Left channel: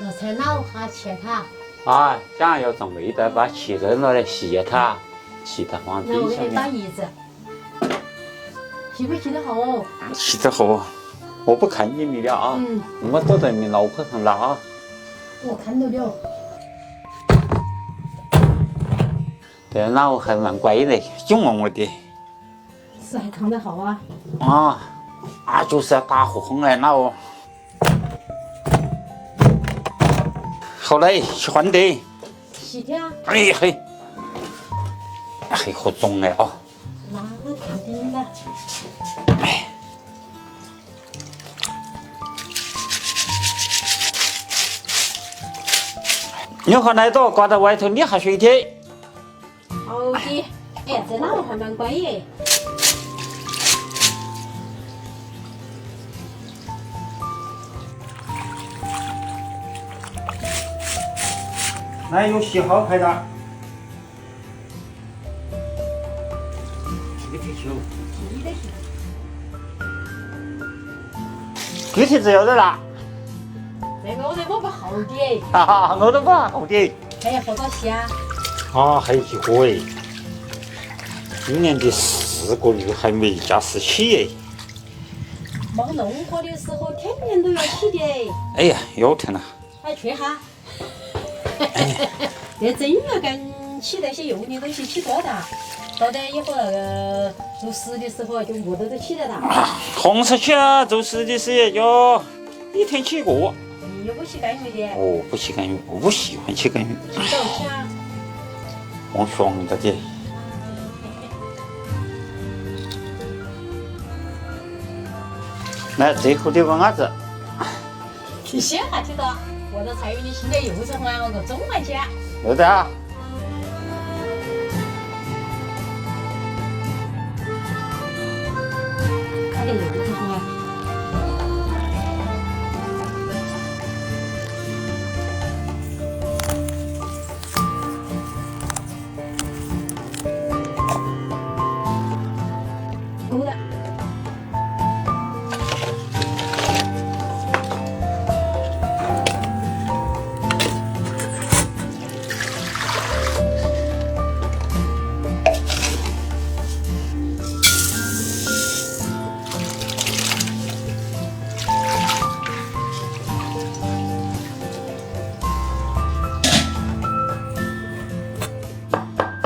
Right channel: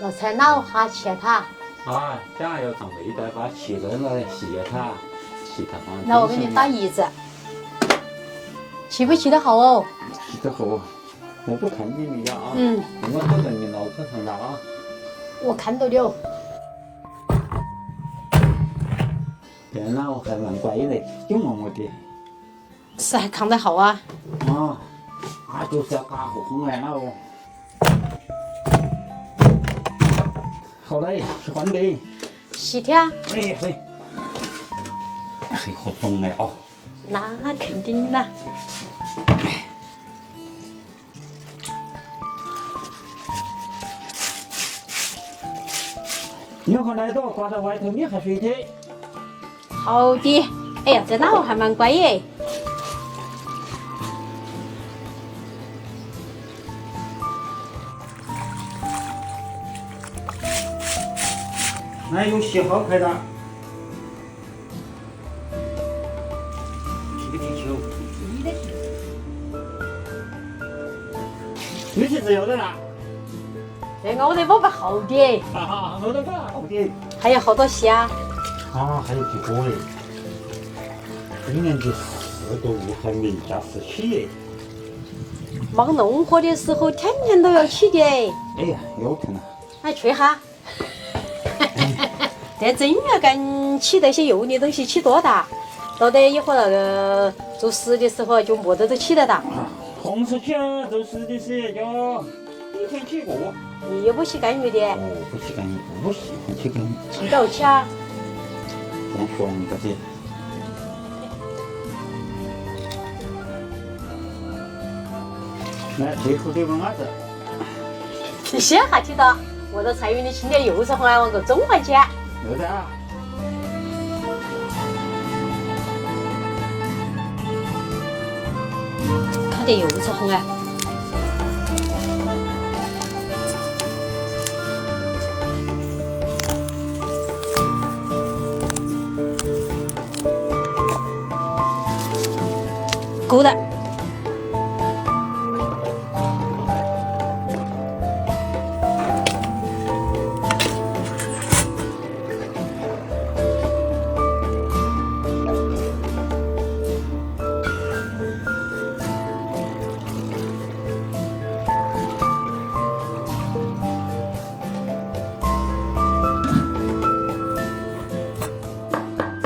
那才老哈切它。啊，想要种味道，把气扔了来卸它，气它放那我给你打冰箱里。一子，气不气得好哦？气得好，我不看你了啊，我躲在你脑壳上了啊。我看到了。这老还蛮乖的，喜欢我的。是还扛得好啊？就是要打火红来老。好嘞，喜欢的。细条？哎嘿，嘿好重哎哦。那肯定啦。你和那朵挂在外头，你还水的。好的。哎呀，这老还蛮乖耶。那有洗好开的。这个地球。你的是。具体只要得啦。这个我得摸不好的。哈哈，我都不好的。还有好多戏啊？还有几个哎。今年的4个月还没加时起哎。忙农活的时候，天天都要起的哎。哎呀，腰疼了。来吹哈。这真要敢起那些油腻东西起多大，到得以后那个做事的时候就没得都起得大。红色起啊，做事的时要一天起过。你又不洗干鱼的？不洗干鱼，不喜欢洗干鱼。记到起啊。往爽着的。来，最后的个鸭子。你先下听到，我的菜园里青点柚子红啊，我个中环去。有的啊。看点柚子红啊。够了。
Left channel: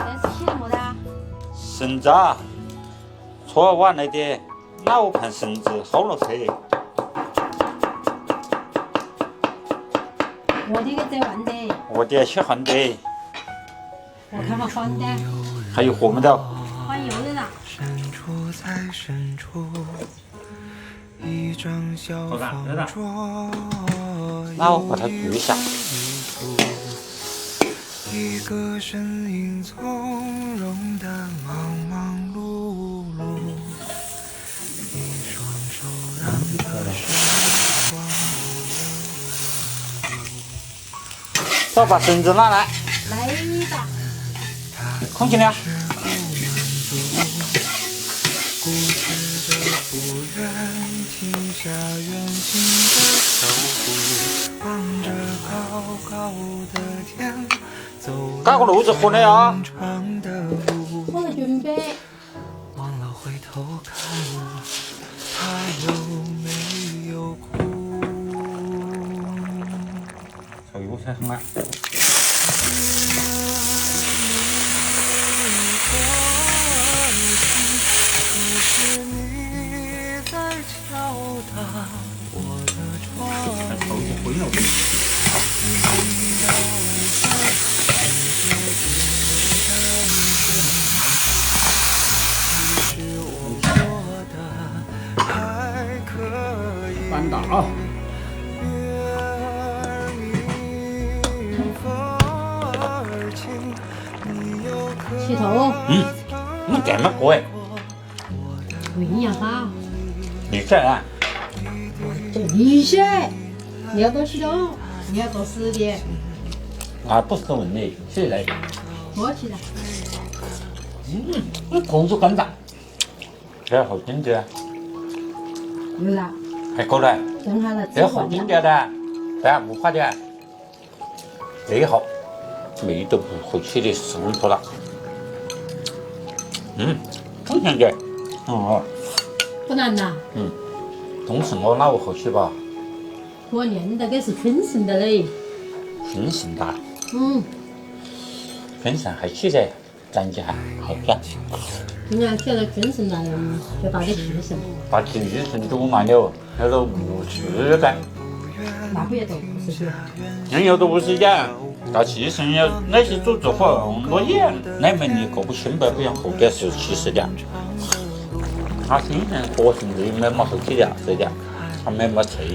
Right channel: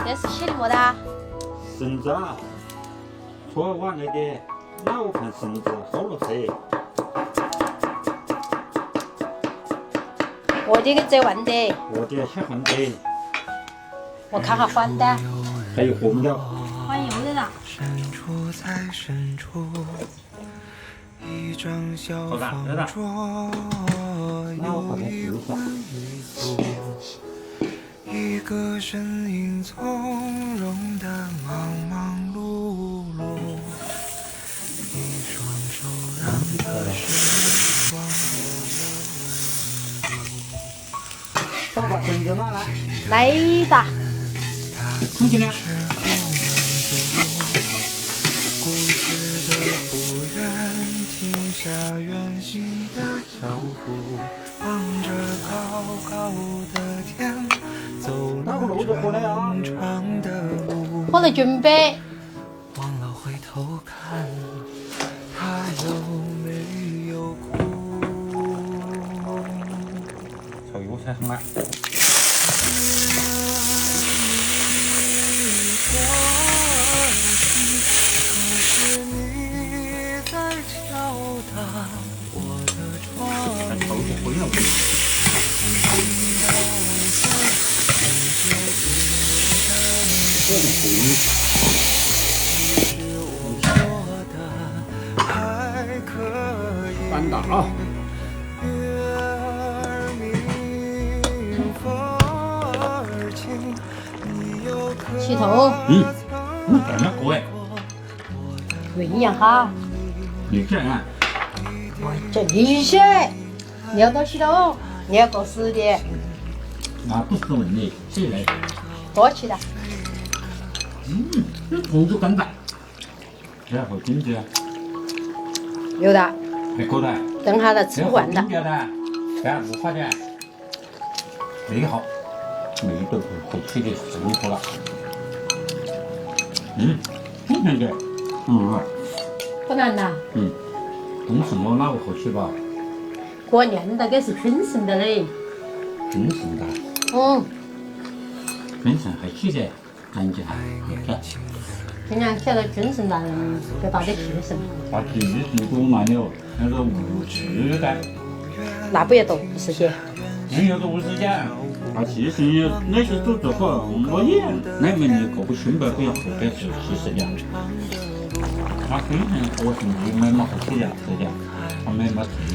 这是写的么的？绳子啊，搓完了的老盘绳子好了噻。我的给折弯的。我的喜欢的。我看下反的。还有活没得？反有的啦。深处在深处，一张小方桌，那我把它举一下。一个身影从容的忙忙碌碌，一双手让这时光无了温度。走，把绳子拿来。来哒。空气呢？固执的不愿停下远行的脚步，望着高高的天，走搞个路子喝的啊。长的路，我来准备。忘了回头看，他有没有哭？炒油菜很啊。是你在敲打我的窗，还炒一回了。其实我做的还可以。翻打啊！月儿明，风儿轻，你又可起头。那这么过哎？酝酿哈。你这啊？这你些，你要东西的哦，你要搞死的。不是问你，谁来？多起的。这口子更大，这好经典。有的。还够了。等下来吃这好惯的。经典的，这无法的。最好味都不会起得渗透了。中秋节，不难呐。都是我脑后起吧，过年那个是春盛的嘞。春盛哒，春盛还起噻，咱家好点。今年晓得春盛了，就到的气盛。把气盛煮烂了，那个无质感。那不要多50些。人要多50件，到气盛要那些煮之后我也那么你过不清白，不像后边是70点。他新盛和盛这没么好起的，这点他没脆。